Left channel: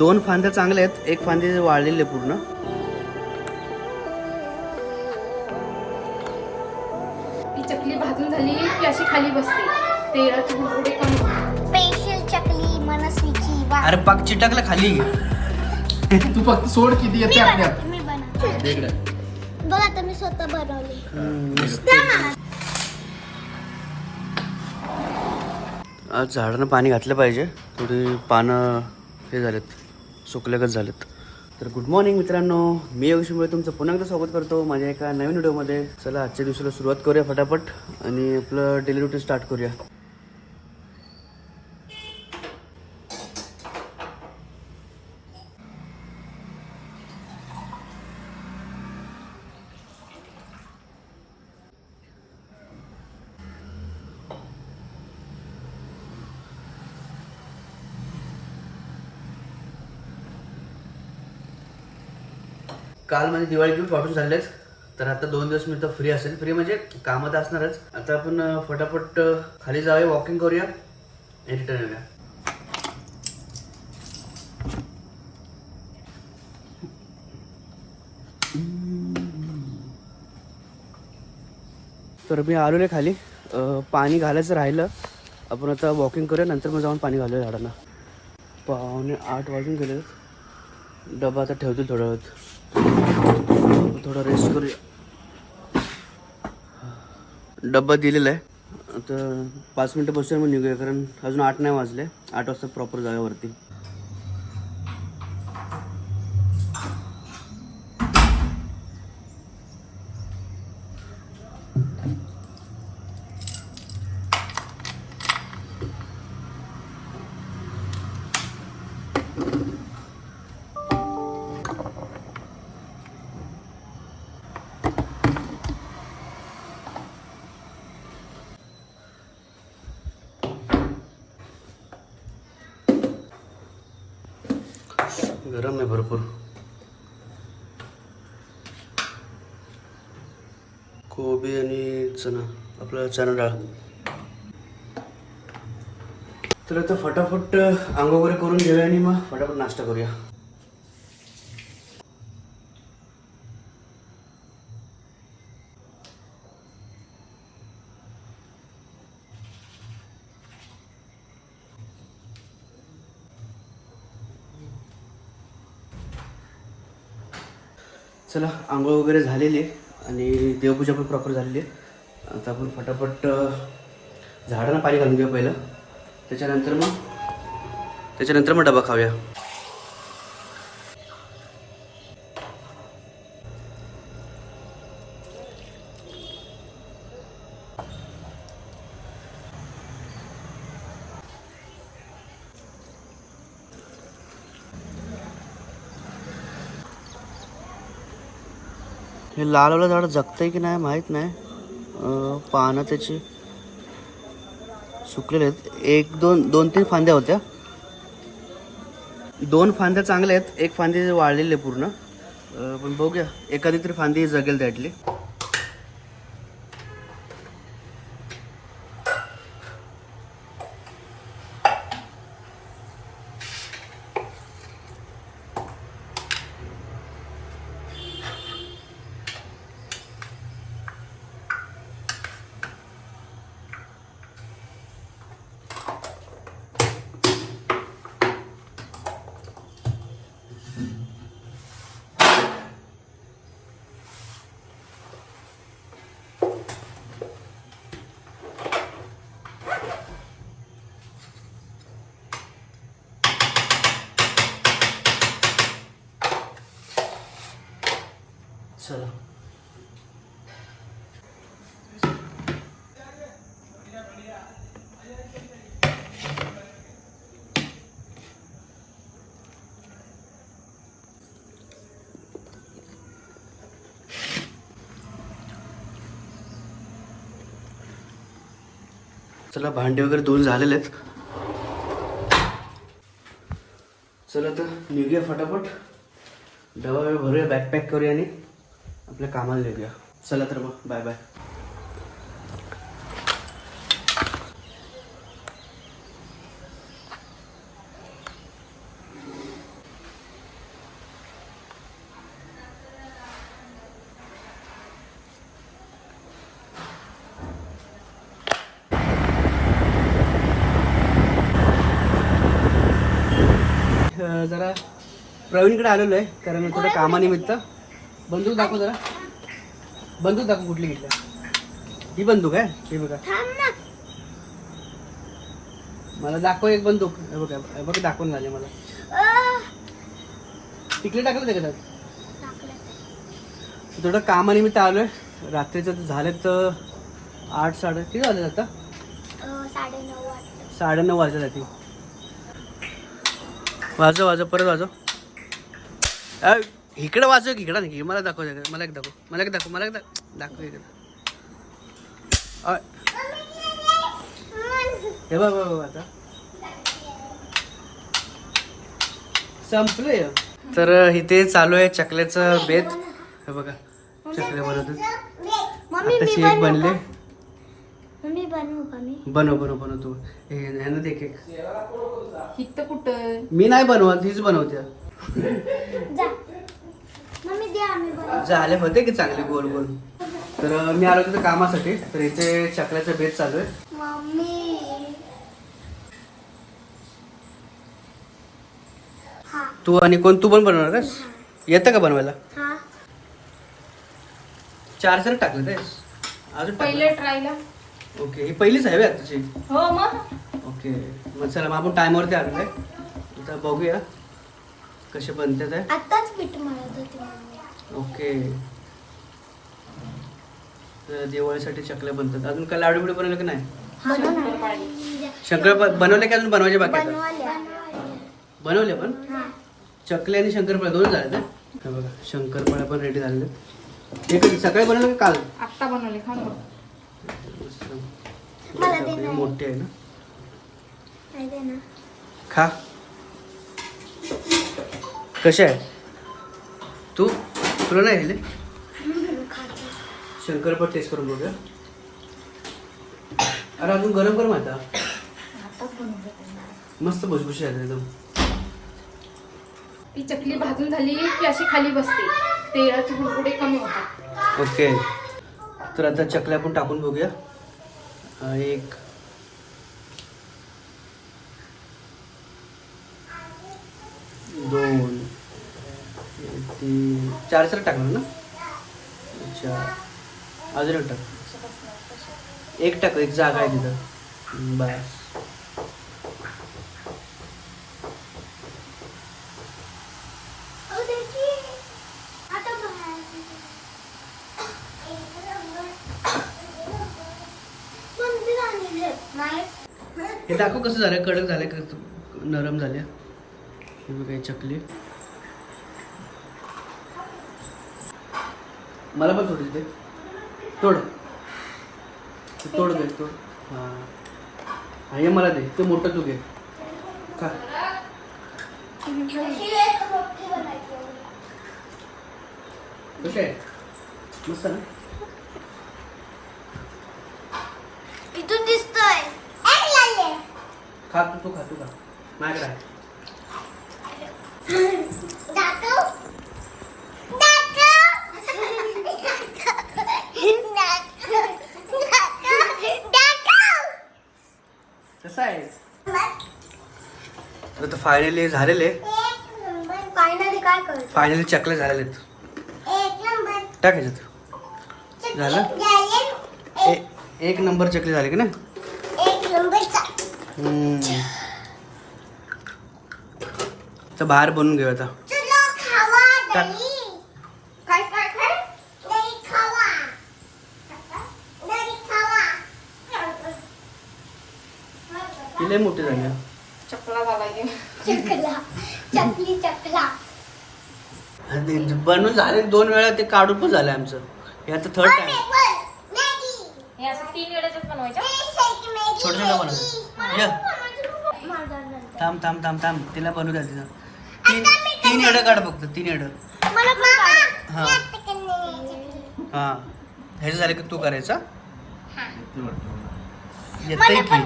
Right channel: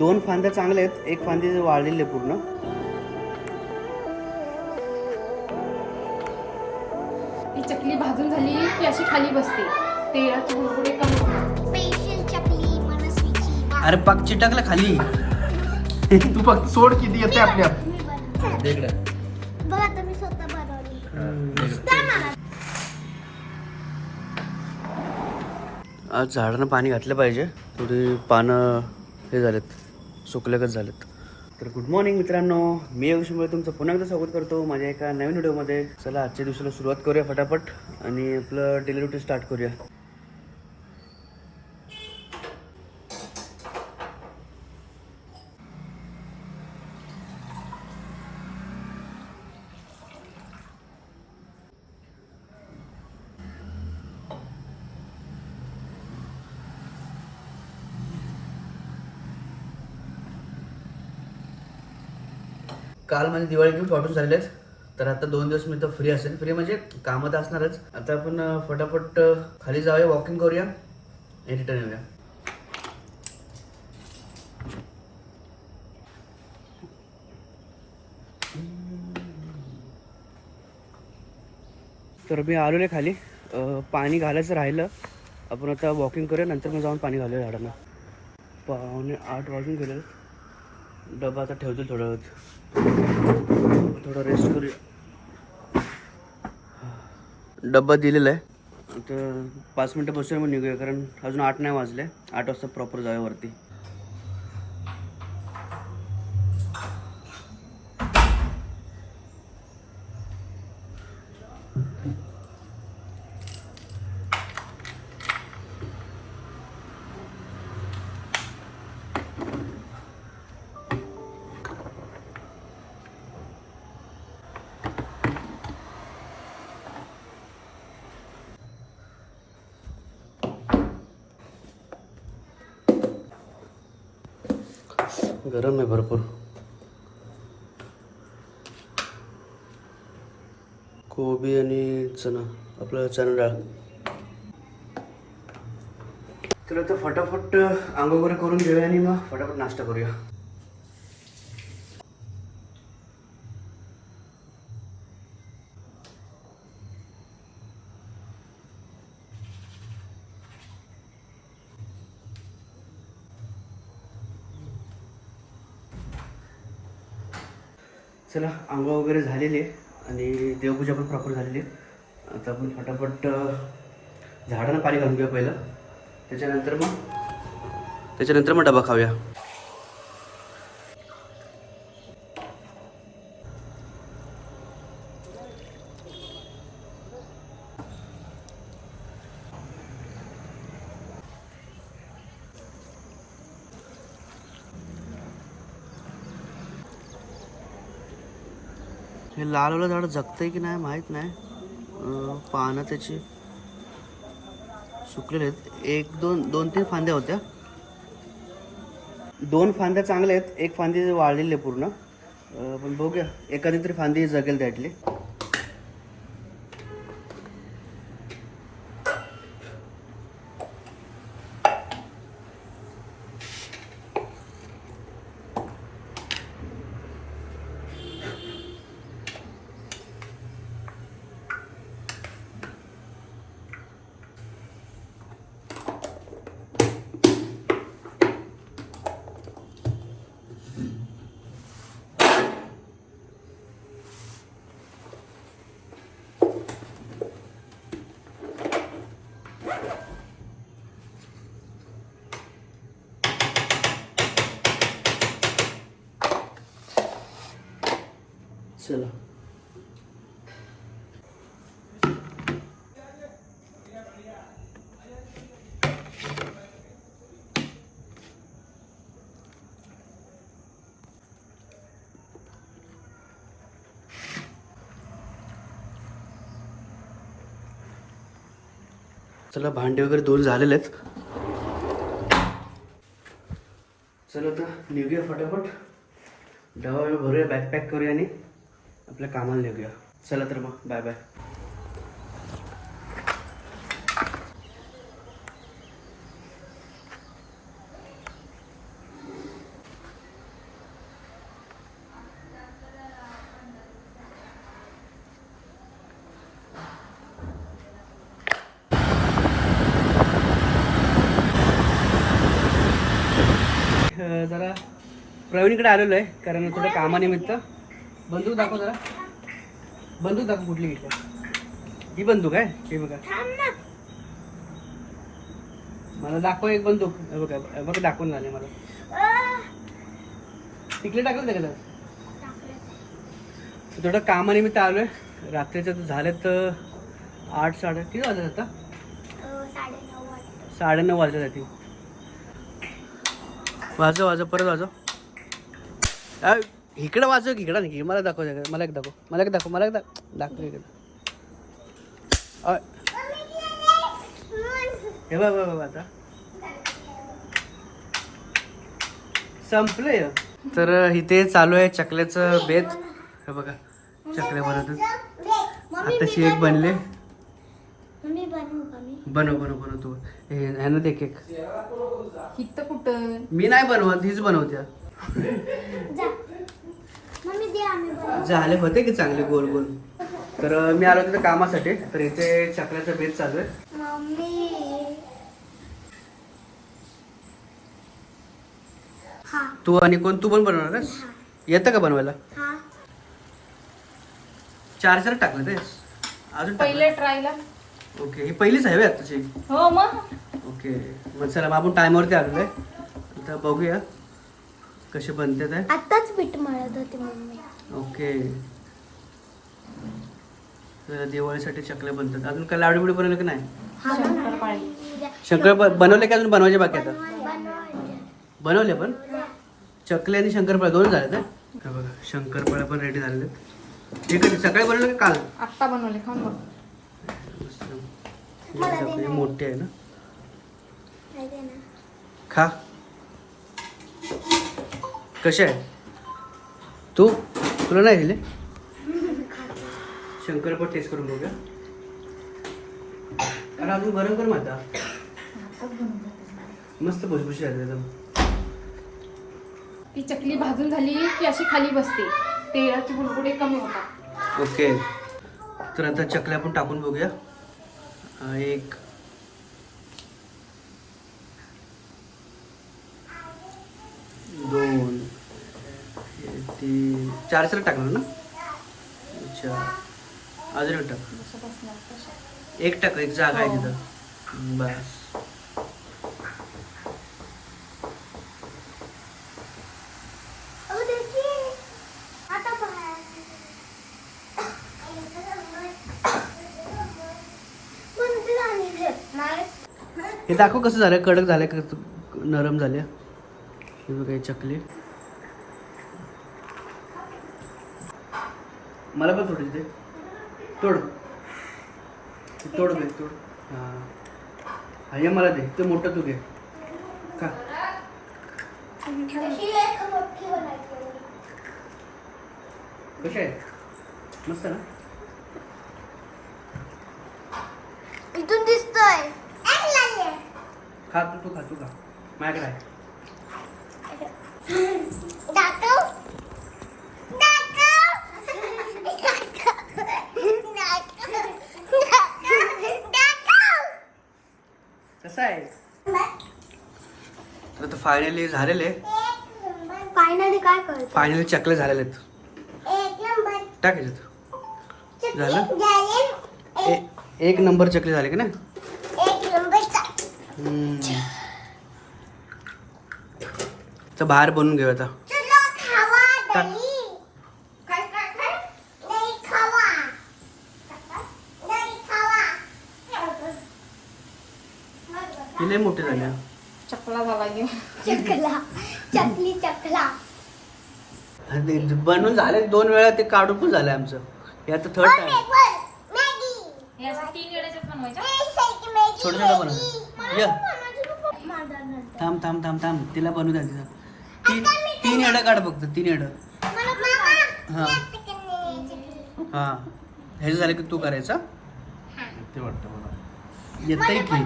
2 फांद्या चांगल्या आहेत, एक फांदी वाळलेली आहे पूर्ण. ही चकली भाजून झाली की अशी खाली बसते. तेलाची भुरभुरी करून स्पेशल चकली मनस्वीची. अरे पाक चिटकला खाली. तू फक्त सोड किती येते आपल्या. मी बनवते. बघ आता मी स्वतः बनवली. आज झाडांना पाणी घातलं पाहिजे, थोडी पानं हे झालेत, सुकल्यागत झालेत. तर गुड मॉर्निंग मित्रांनो, मी योगेशमुळे तुमचं पुन्हा एकदा स्वागत करतो माझ्या एका नवीन व्हिडिओमध्ये. चला आजच्या दिवसाला सुरुवात करूया फटाफट आणि आपलं डेली रुटीन स्टार्ट करूया. काल माझे दिवाळी गिफ्ट वाटून झालेत, तर आता 2 दिवस मी तर फ्री असेल. फ्री म्हणजे कामं तर असणारच. आता आपण फटाफट खाली जाऊया, वॉकिंग करूया आणि रिटर्न येऊया. तर मी आलेलो खाली, पाणी घालायचं राहिलं. आपण आता वॉकिंग करूया, नंतर मग जाऊन पाणी घालूया झाडांना. 7:45 वाजून गेले. डबा आता ठेवतो थोड्या वेळात, थोडा रेस्ट करूया. डब्बा दिलेला आहे. आता 5 मिनटं बसूया, मग निघूया, कारण अजून 8 नाही वाजले. 8 वाजता प्रॉपर जाऊया वरती. गरम आहे भरपूर. कोबी आणि चणा, आपलं चणा डाळ. तर आता फटाफट अंघोळ वगैरे करून घेऊया आणि मग फटाफट नाश्ता करूया. चला, आंघोळ वगैरे झालेली आहे आणि देवपूजा पण प्रॉपर झालेली आहे. आता आपण फटाफट झाडांना पाणी घालून घेऊ पहिलं, त्याच्यानंतर मग डबा खाऊया. हे लालवालं झाड जगतंय की नाही माहीत नाही. पानं त्याची सुकलेले आहेत. 2-3 फांद्या होत्या. 2 फांद्या चांगल्या आहेत, एक फांदी वाळलेली आहे पूर्ण. पण बघूया, एखादी तरी फांदी जगेल त्यातली. चला, चला भांडे वगैरे धुवून झालेले आहेत. चला तर निघूया फटाफट, डबा भरूया, बॅग पॅक करूया आणि आपल्या कामाला निघूया. चला तर मग बाय बाय. जरा प्रवीणकडे आलेलो आहे कारण थोडं कामानिमित्त. बंदूक दाखव जरा. बंदूक दाखव कुठली घेतल्या. ही बंदूक आहे हे बघा. मला दाखव एक बंदूक. हे बघा हे बघा दाखवून झाले मला. तिकडे टाकलं ते का थोडं कामानिमित्त आलोय. रात्रीचं झालेत 8-9 किती वाजले आता. 9:30 वाजले जाते. वाजव परत वाजव. इकडं वाजव की इकडं नाही. मला दाखव मला एक दाखव इकडं. हे बघ आता संपलंय. तर इथे चालू आहे चकल्याचं बेत. हे बघा चकल्या बनवतात. आताशी एक बनले. बनव तू. ह्यानं दे केक. हित कुठं मी नाही बनवत हीच बनवत्या. झाले होते की चांगले गोल गोल. तर मी आलो तिथे कामासाठी. तर इथे चकल्याचा बेत चालू आहे. तू आणि कोण तू पण बनवणार आहेस. येतं का बनवायला. 4 टाकलं तेस अजून पहिले ट्रायला. ओके ही पहिलीच आहे आताची. हो मग. ओके मग चला मग आपण टायमावरती आलेलो आहे. आता बघूया कसे बनतात आहे. आताच पीठ मळत होते मम्मी. ओके तर दिवाळीसाठी चकल्या बनतात. अजून काय लाडू बिडू बनवले की नाही. शंकर बनवले की अजून बनवायचे बाकी आता. बनवले पण चकले आणि शंकरपाळ्या दोन झाले तर. हे बघा शंकरपाळ्या पण रेडी झालेले. हे कधी सकाळी बनवलं का काल. आत्ता बनवले खाऊन बघ. हे मोठे आहे ना. खा कसे आहे. तुला नाही दिले. शंकरपाळ्या टेस्ट करून बघूया. अरे अजून गरम आता. मस्त भुसभुशी आहे एकदम. ती चकली भाजून झाली की अशी खाली बसते. तेलाची बुडबुडे कमी होतात. ओके तर आता चकल्या आपण टाकून बघूया. 1 2 3 4 टाकणार ना. अच्छा अजून एक टाक. एक टाक. एक जागा आहे तिथं बस. हे दाखव कसं झालं. कडक झालं का नरम झाल्या. हे बघा चकली. मला पण थोडी दे. तोड घे तोड. हां हे मला दे. ते मोठं तू घे खा. कसे आहे मस्त ना. इथून दिसतोय. खा तू खा माझ्याकडे आहे. कसं आहे. तर आता फायनली झालेले. फायनली काय करतो. फायनली चकले झालेले आहेत. टाक ह्याच्यात. झालं. एक नंबर चकली झाली की ना. तर बाहेर बनवून घेऊ आता. टाक. लय मोठे झाले. चकला झाला की चकला बनवून झाले 2 वेळा. ते काढून पण झालं आमचं. हे आता 3rd टाइम. छोटं बनवतो. ये थांब तिला बनवू द्या. तिथं 3 एडं काढ फक्त. 3 एडं. हां ह्याचं झालं की तू करायचा. येतंय की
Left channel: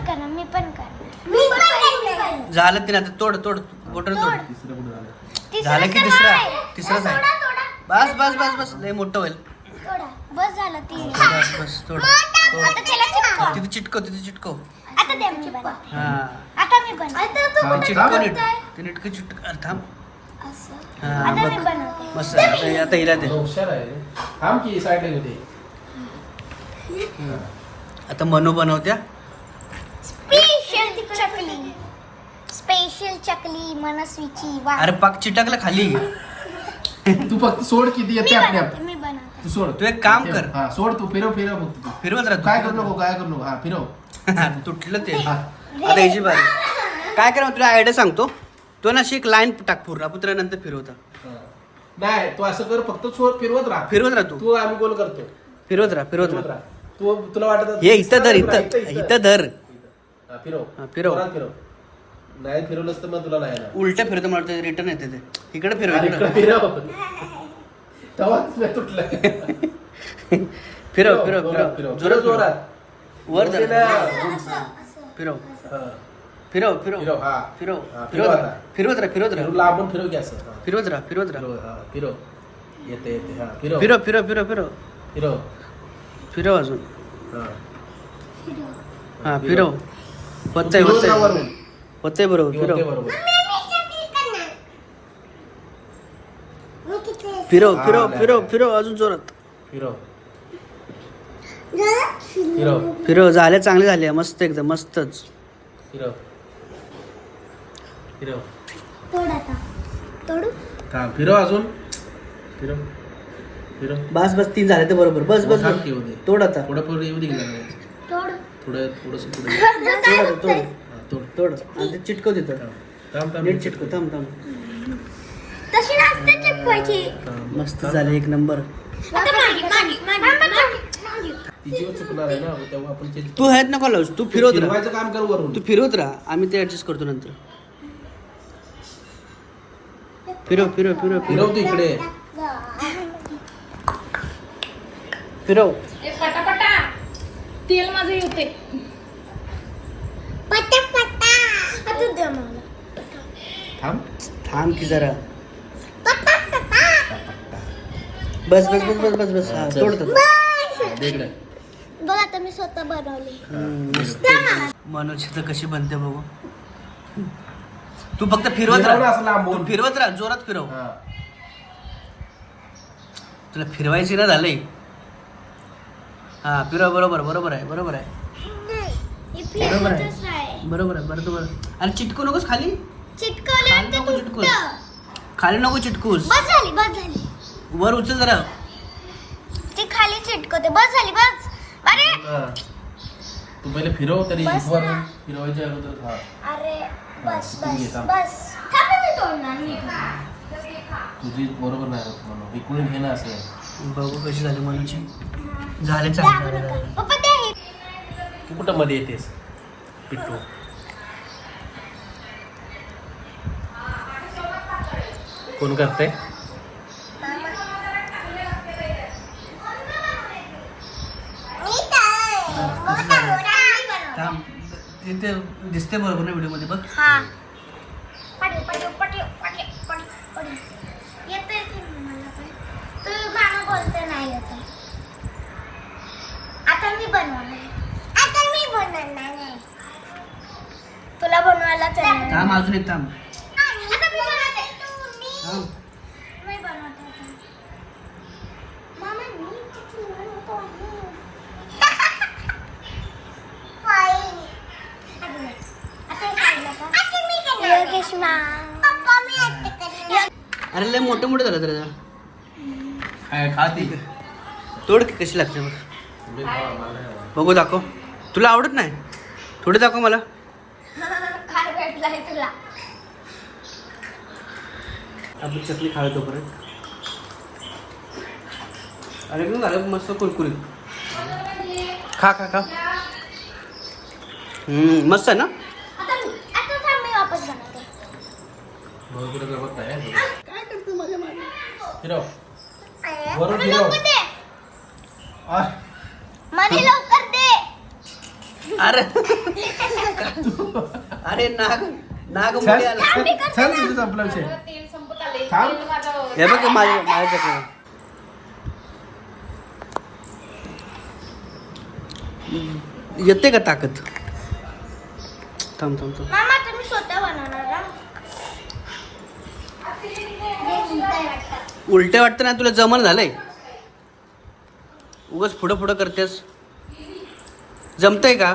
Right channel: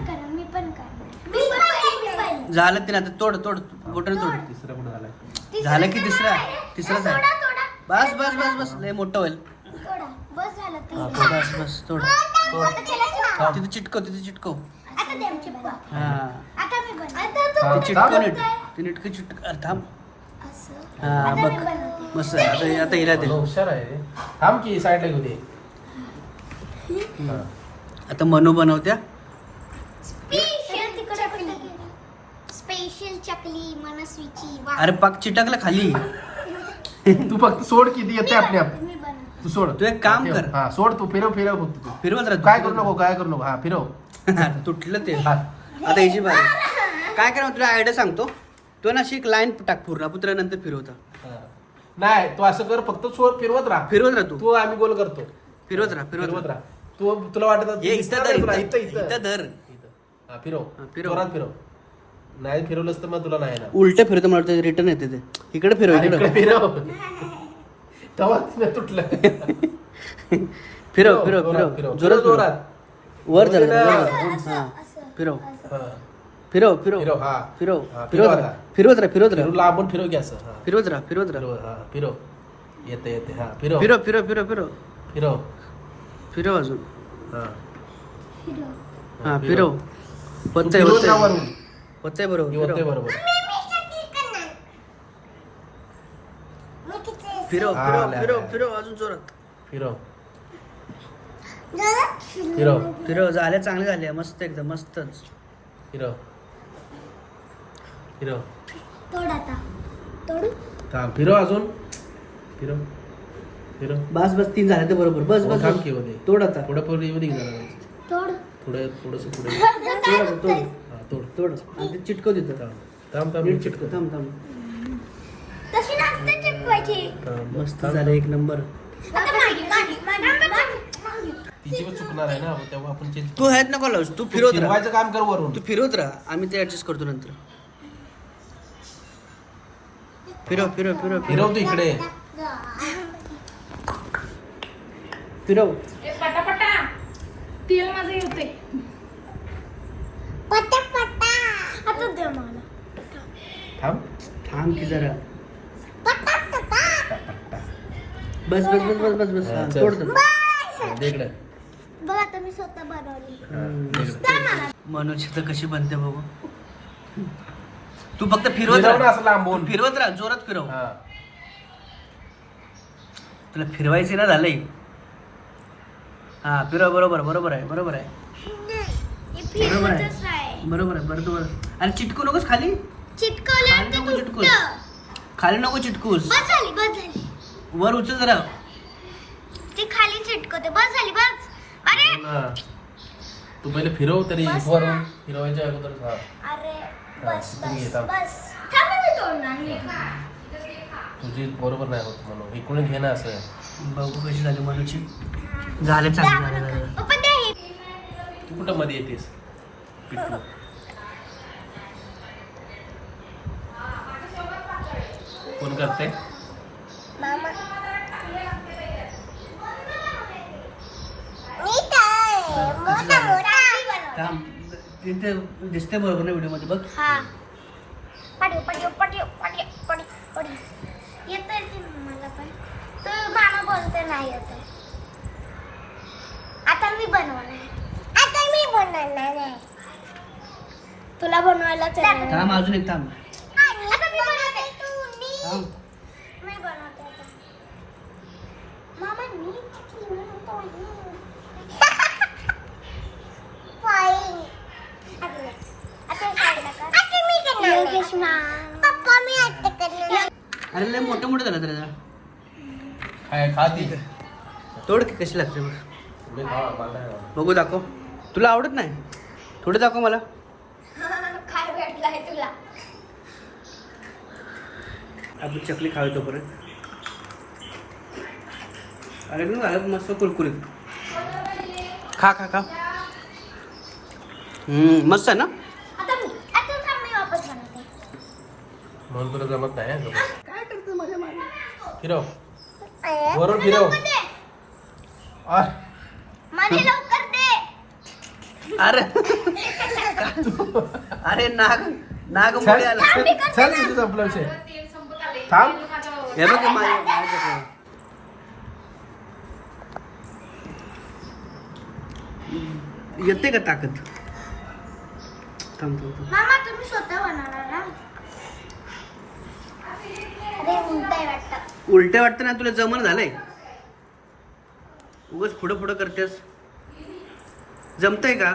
झालं. ते आता तोड बोटन तोड. झालं की तिसराच आहे. बस लय मोठं होईल. बस तोड. तिथे चिटकव. हां आता ते चिटकव नीट ते नीटकं चिटक थांब असं हा बघ मस्त आता हिला दे हुशार आहे रे. थांब की साईडला घेऊ दे. आता मनू बनवत्या स्पेशल चकली मनस्वीची वा अरे पाक चिटकला खाली तू फक्त सोड किती येते आपली आप मी बनवते तू सोड तू एक काम कर. हा सोड तू फिरव फक्त तू फिरवत काय करू राहतो नको काय करू नको हा फिरव तुटलं ते हा. आता याची बारी काय करा तुला आयडिया सांगतो तो ना अशी एक लाईन टाक पूर्ण आपण तुला नंतर फिरवता नाही तू असं कर फक्त सोड फिरवत राहा फिरवत राहा तू तू आम्ही गोल करतो फिरवत राहा तू तुला वाटत ये इथं धर इथं धर हा, फिरव हा, फिरव. जोरात फिरव नाही फिरवलंस तर मग तुला नाही ना उलट फिरवतो मला वाटतं रिटर्न येते ते इकडे फिरव अरे, इकडे इकडे फिरव तेव्हा तुला तुटलं फिरव फिरव फिरव जोरात फिरव जोरात वर धर म्हणजे काय? हा. फिरव हा. फिरव फिरव फिरव हा फिरव हा, फिरवत फिरव राहा फिरवत राहा फिरवत राहा फिरवला आपण फिरव की असं हा. फिरवत राहा फिरवत राहा फिरव हा फिरव येते हा फिरव फिरव फिरव फिरव फिरव फिरव फिरव अजून हा. हा फिरव पत्ताय फिरव पत्ताय त्यावरून. पत्ताय बरोबर फिरव ते फिरव बरोबर फिरव हा, फिरव नाही, फिरव नाही. फिरव अजून जोरात फिरव फिरव फिरव झाले चांगले झाले मस्त एकदम मस्तच फिरव फिरव तोड आता तोडू हा फिरव अजून फिरव फिरव बस बस 3 झाले ते बरोबर बस बस थांब बस की होते. तोड आता पुढे पुढे येऊ दे की जरा. तोड थोडं थोडंसं पुढे तोड आता, तोड हा, तोड तोड आणि ते चिटकव तिथं थांब थांब नीट चिटकव थांब थांब तशी नसते चिपवायची थांब. मस्त झाले एक नंबर आता माझी तिची पण चुकणार आहे ना तेव्हा आपण ते तू हेच नको लावूस तू फिरवत राहा फिरवायचं काम कर वरून तू फिरवत राहा आम्ही ते ऍडजस्ट करतो नंतर फिरव फिरव फिरव फिरव फिरव तू इकडे फिरव ए पटापटा तेल माझं येते पटा पटा आता दे मग थांब थांब की जरा पटा पटा बस बस बस बस बस बस हा, चल. तोड तर. दे इकडे बघ आता मी स्वतः बनवली मस्त मनोज तर कशी बनते बघू तू फक्त फिरवत फिरव ना राहा असं लांबून. तू फिरवत राहा जोरात फिरव हा. तुला फिरवायची ना झालंय हा फिरव बरोबर बरोबर आहे बरोबर आहे हे बरोबर आहे. फिरवतच आहे बरोबर आहे बरोबर आणि चिटकू नकोस खाली चिटकवलं खाली तर नको तुटतं. चिटकूस खाली नको चिटकूस बस झाली वर उचल जरा ती खाली चिटकवते बस झाली बस अरे हा. तू पहिले फिरव तरी बस वरून ना. फिरवायच्या अगोदर हा अरे बस हा, बस थांब. बस थांब मी तोडणार मी तुझी बरोबर नाही होत म्हणून इकडून घे ना असं बघू कशी झाली मनोजची झाले चांगले झाले झाले पप्पा ते हे तू कुठं मध्ये येतेस इकडून कोण करते मी काय कसं झालं? थांब तिथे दिसते बरोबर ना व्हिडिओ मध्ये बघ हा पाठव पाठव पाठव पाठव पाठव पाठव येते मला काय तू गाणं बोलते नाही येते आता मी बनवणार आहे तुला बनवायलाच येणार थांब अजून एक थांब आता मी बनवते. थांब मी बनवते आता. मम्मा, मी चिकन बनवतो आहे. Fine. आता हे काढलं का? योगेश मा. पप्पा, मी आता करणार. अरे लय मोठे मोठे झालं तर काय खाती तोड की कशी लागते बघ बघू दाखव तुला आवडत नाही थोडे दाखव मला काय भेटलाय तुला आपली चकली खावी तोपर्यंत अरे एकदम झालं मस्त कुरकुरीत खा खा खा मस्त आहे ना आता थांब मी वापस बनवते म्हणून तुला जमत नाही काय करतो माझ्या मागे फिरव वरून फिरव आ, मला लवकर दे अरे अरे नाग नाग चल मोडी आला चल तिथे संपला विषय तेल संपत आले थांब. तेल माझं हे बघ माझ्या चकली येते का ताकद थांब थांब थांब मामा तुम्ही मी स्वतः बनवणार हा. अरे उलटंय वाटतं. उलटे वाटतं ना तुला जमन झालंय उगाच पुढं पुढं करतेस जमतंय का